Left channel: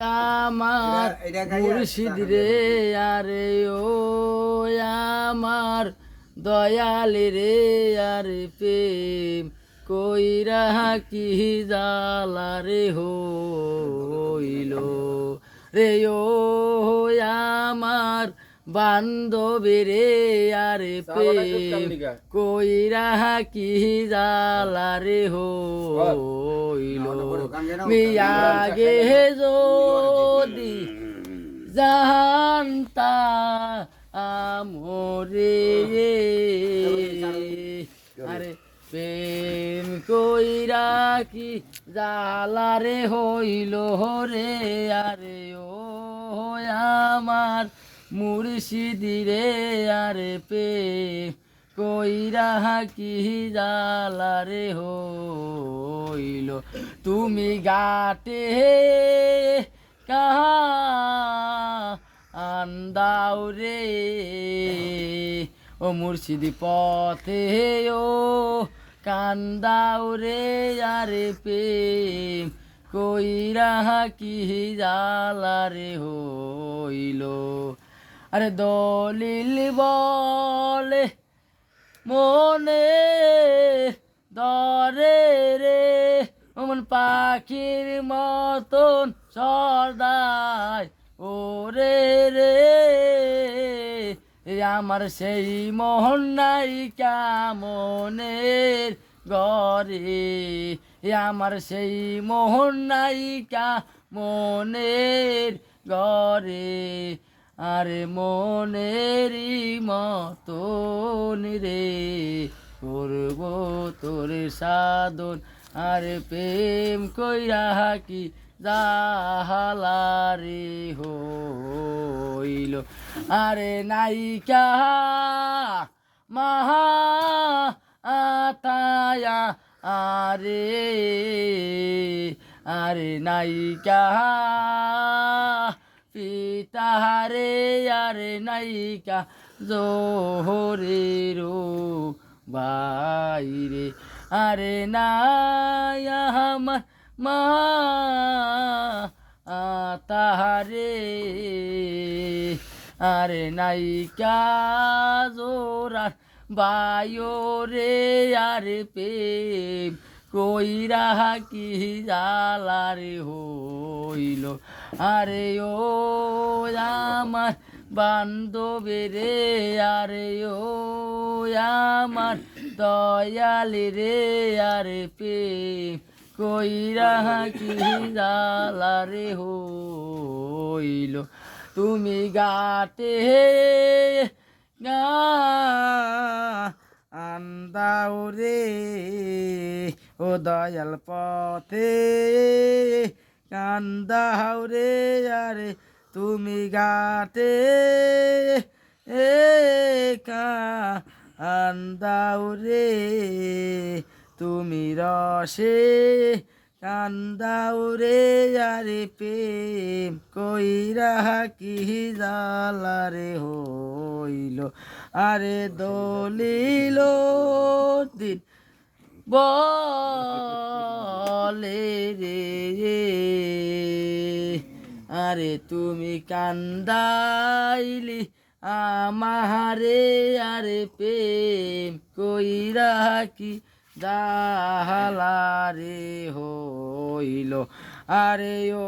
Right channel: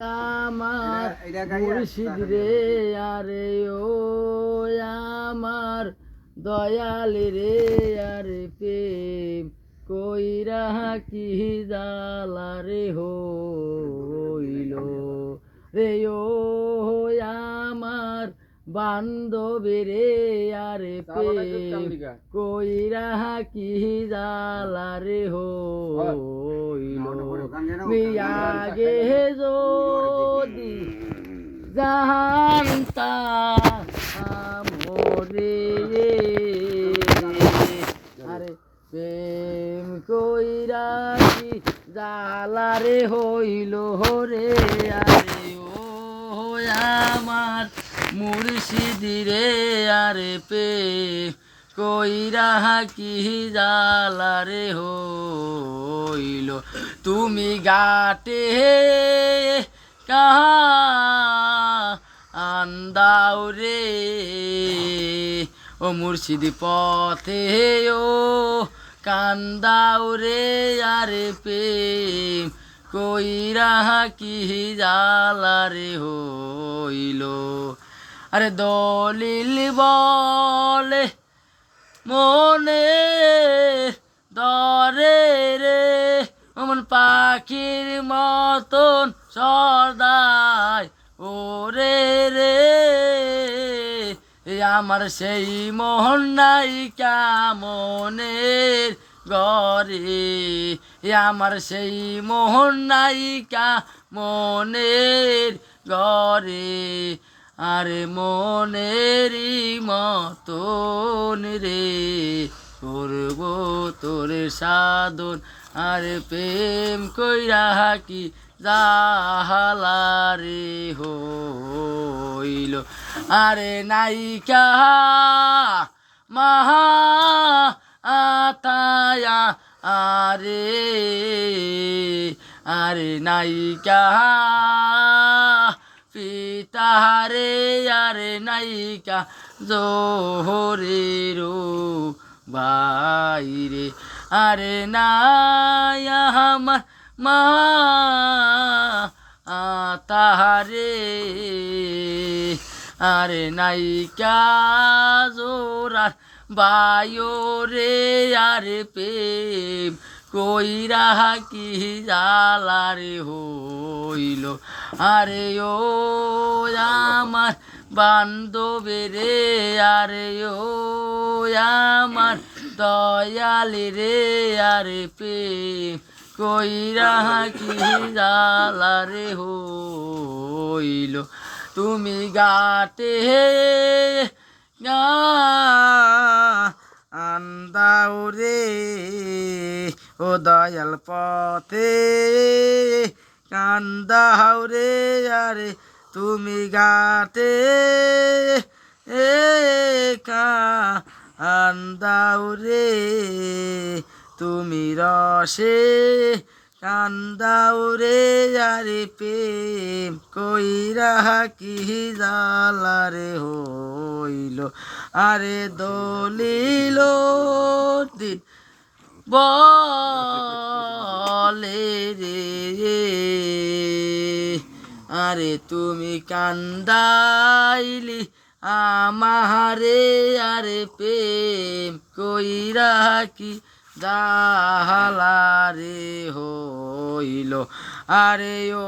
আমার মুর্শিদ রে আরে ও আমার দয়াল রে আরে প্রেম কইরা কি জালা রে হইল? রে ও আমার বান্ধবী রে আরে প্রেম কইরা কি জালা রে হইল মিয়া গে যদি জানতা আমরে আরে প্রেম কইরা কি জালারে হইল রে আরে আমার মুর্শিদি রে, আরে প্রেম কইরা কি জালারে হইল? তুমি গাটে কাহা আন্দাও রে? ও মুর্শিদি পথে ও কান্দাও রে, আরে প্রেম কইরা কি জালারে হইল? আরে দলিল বলে, মনে দরে রে। অমন পাখির মতন সদাই ওরে রে। আমার সেই মোহন নাই কামনের? গরে আমার সেই মোহন নায়িকা মনের গরে আরে মনেরই মতন রে, করব তোর সাধন। আরে প্রেম কইরা কি জাহালারে হইল। আরে নায়িকা, মাহা আরে আরে নায়িকা পিতারে আরে নায়িকা জোহরে রো বাইরে, আরে নায়া আমার মা। তাহারে আরে নায়িকা জোরার বায়ো রে আরে প্রেম কইরা কি জালারে হইল? আরে ও আমার বান্ধবে রে আরে ও আমার দয়ালি রে আরে প্রেম কইরা কি জালারে হইল? তুমি গাতে গা দয়াল পথে। কান্দা রে আরে তুমি গাতে এ কা আন্দাও রে তুমি রসে। কান্দাও রে আরে প্রেম কইরা কি জালারে হইল। আরে দলিল দিন বলে রে। আরে তুমি কান্দাইলি আমারে, আরে প্রেম কইরা কি জাহালারে হইল? আরে ও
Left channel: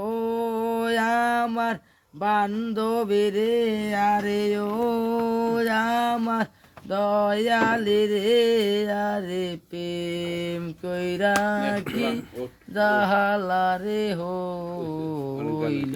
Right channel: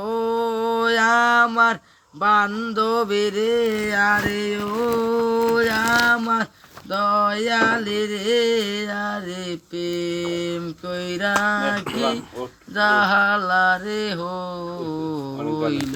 আমার বান্ধবী রে, আরে ও আমার দয়ালি রে আরে প্রেম কইরা কি জাহালারে হইল?